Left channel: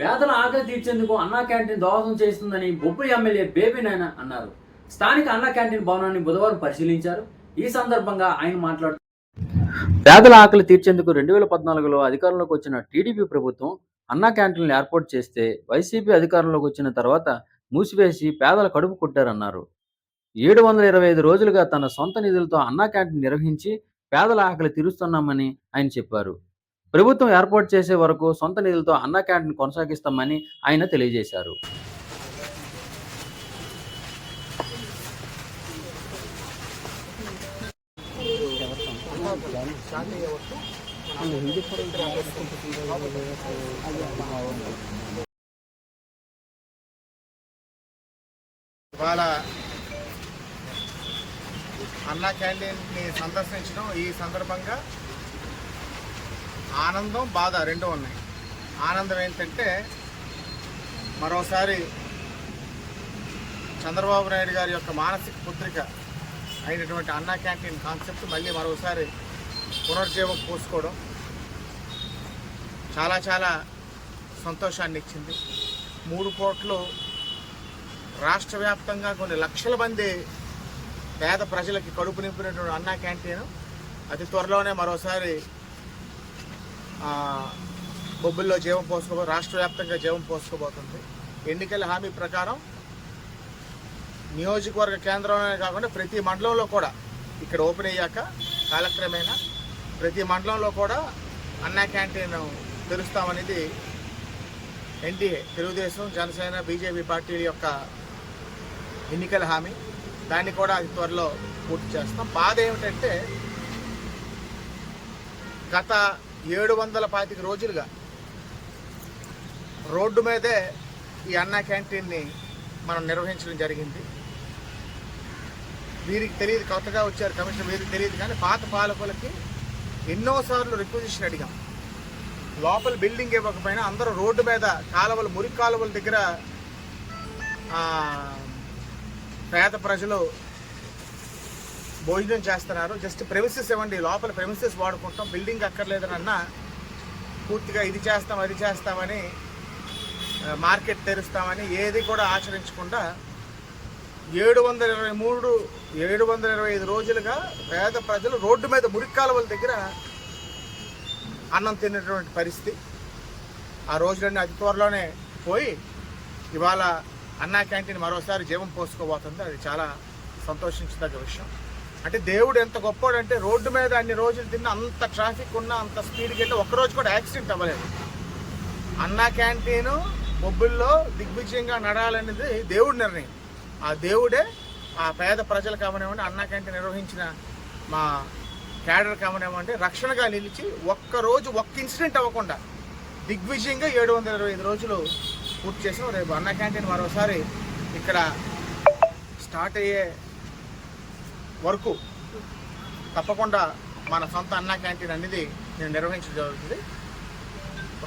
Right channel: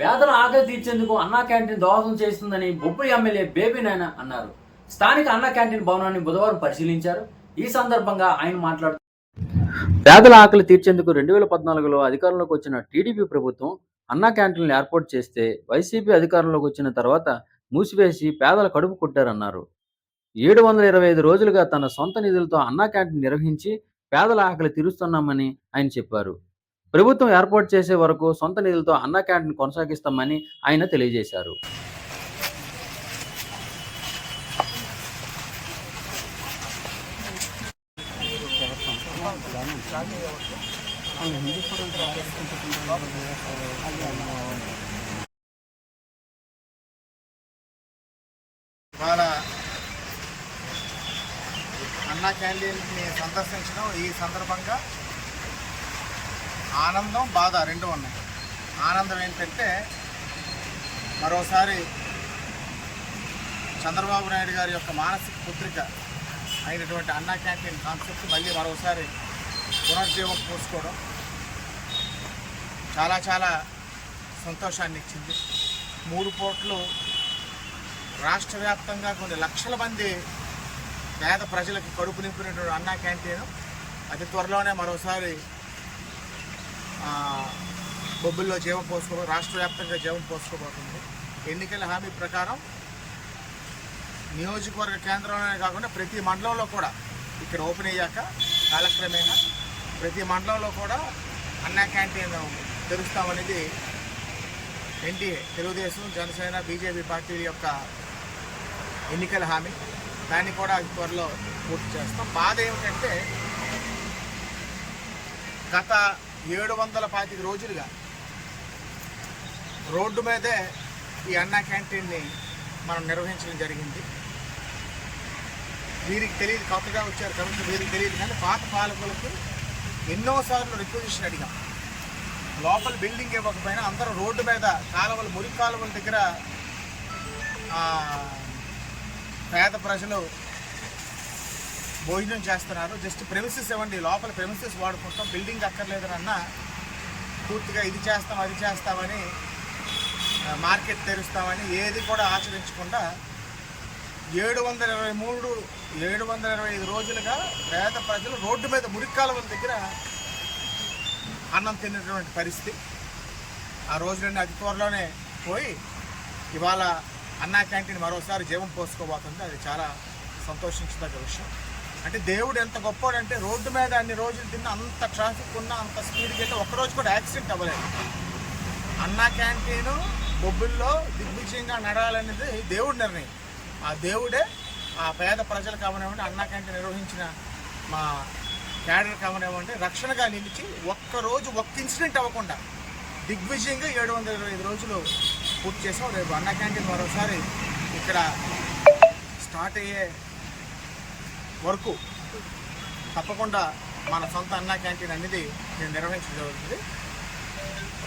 పేదల ఆకలి తీర్చేందుకు అన్నా క్యాంటీన్ దోహదం చేస్తుందని బొబ్బులి ఎమ్మెల్యే బేబీ నాయన అన్నారు. స్థానిక అన్నా క్యాంటీన్ భవనాన్ని బుధవారం పరిశీలించారు. ఈ సందర్భంగా ఆయన మాట్లాడుతూ పేదల ఆకలి తీర్చేందుకు 2014లో అధికారంలోకి వచ్చిన టీడీపీ ప్రభుత్వం అన్నా క్యాంటీన్లు ఏర్పాటు చేస్తే వైసీపీ అధికారంలోకి వచ్చిన తర్వాత మూసివేసి పేదల కడుపు కొట్టారన్నారు. 725 రోజులుగా తన సొంత నిధులతో అన్నా క్యాంటీన్ నిర్వహించి పేదల ఆకలి తీరుస్తున్నామని ఆయన చెప్పారు. ప్రభుత్వం ఏర్పాటు చేసే వరకు సొంత నిధులతో అన్నా క్యాంటీన్ కొనసాగిస్తామని ఆయన తెలియజేశారు. ఇవాళ అన్నా క్యాంటీన్ని సందర్శించడం ఈ సందర్భంగా ఆనందం బాధ రెండు ఉన్నాయి. ఆనందం ఏంటంటే మరోసారి చంద్రబాబు నాయుడు గారి యొక్క మానసిక పుత్రిక అయినటువంటి అన్నా క్యాంటీన్ కాన్సెప్ట్ మళ్ళీ మరోసారి పునర్జీవం పోసుకోవడం చాలా చాలా సంతోషాన్ని ఇచ్చింది. 3 పూటలు రాష్ట్ర వ్యాప్తంగా కొన్ని లక్షల మంది పేద ప్రజలకి కడుపు నింపినటువంటి అన్నా క్యాంటీన్ అతి త్వరలోనే మరోసారి బొబ్బుల్లో జీవం రాష్ట్ర వ్యాప్తంగా జీవం పోసుకోబోతుంది. ఎన్నికల హామీ ప్రకారం నియోజకవర్గ కేంద్రంలోనే కాకుండా ప్రతి మండలంలో కూడా ఇక్కడ ఓపెన్ అయ్యాక కాలక్రమేణా ప్రతి మండలంలో కూడా అన్నా క్యాంటీన్ తెరుస్తామనేది ఎన్డీఏ తెలుగుదేశం, జనసేన, బీజేపీ పార్టీల యొక్క ఎన్నికల హామీ. దాన్ని కూడా అది త్వరలో పూర్తి చేస్తాం. బాధ ఏమిటంటే గత 725 రోజులుగా రోడ్డు మీదే ఈ అన్నా క్యాంటీన్ని మనం నిర్వహించడం జరిగింది. వీరికి తెలియదు, కొత్తగా వచ్చారు కమిషన్, వీరికి తెలియదు. కానీ పాత పాలకులకి ఎన్నోసార్లు రిక్వజిషన్ అడిగాం. లోపల బిల్డింగ్ ఇవ్వకపోయినా అందరూ రోడ్డు మీద కాలువలు, మురికి కాలువల దగ్గర పేద ప్రజలు భోజనం చేస్తున్నారు. జస్ట్ ప్రెమిసెస్ ఇవ్వండి, లోపల ప్రెమిసెస్ వాడుకుంటాం, బిల్డింగ్ అక్కర్లేదని అన్నా పూర్తిగా ఇది చేస్తాం అది చేస్తామని మార్కెట్ తెరుస్తామని ఏది కూడా ఆచరించకుండా 725 రోజులుగా పేద ప్రజలు రోడ్డు మీద మురికి కాలువల దగ్గర అన్నం తినేటువంటి పరిస్థితి. ఆ రోజులన్నీ అతి త్వరలోనే పోయి ఇవాళ అన్నా క్యాంటీన్ మరోసారి జీవం పోసుకోబోతుంది. అది చాలా సంతోషించదగ్గ విషయం. అంటే దేవుడు ఎంత గొప్పోడంటే రోడ్డు మీద అన్ని రోజులు తిన్న, అంత ట్రాఫిక్ ఉన్నా, అంత స్పీడ్కి అయితే ఒక్కరోజు కూడా యాక్సిడెంట్ అవ్వలేదు. అన్నా క్యాంటీను బొబ్బుల్లో దిగ్విజయంగా నడాలనేది దేవుడి నిర్ణయం. ఆ దేవుడే ఆ పేద ప్రజలకు కావనివ్వండి, అన్నా క్యాంటీన్ నిర్వహించిన మా క్యాడర్ కావనివ్వండి రక్షణగా నిలిచి ఒక్కరోజు ఒక్క ఇన్సిడెంట్ అవ్వకుండా దిగ్విజయంగా 725 రోజులు పూర్తి చేసాం. రేపు అన్నా క్యాంటీన్ మరోసారి ఇక్కడ స్టార్ట్ అయ్యే వరకు తప్పకుండా మన సొంత అన్నా క్యాంటీన్ అనేది నేను నిర్వహించడం జరుగుతుంది.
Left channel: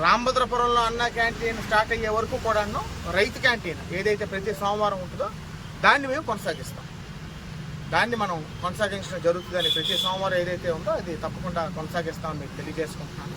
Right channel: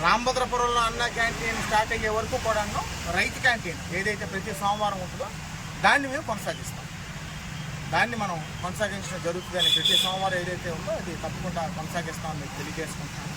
రామభద్రపురంలో అన్నా క్యాంటీన్ స్టార్ట్ అయ్యే వరకు కూడాను రైతు క్యాంటీన్ ఏదైతే ప్రతి సోమవారం ఉంటుందో దాన్ని మేము కొనసాగిస్తాం. దాన్ని మనం కొనసాగించడం జరుగుతుందని ప్రతి సోమవారం ఏదైతే ఉందో అది తప్పకుండా కొనసాగిస్తామని మీకు తెలియజేసుకుంటున్నాను.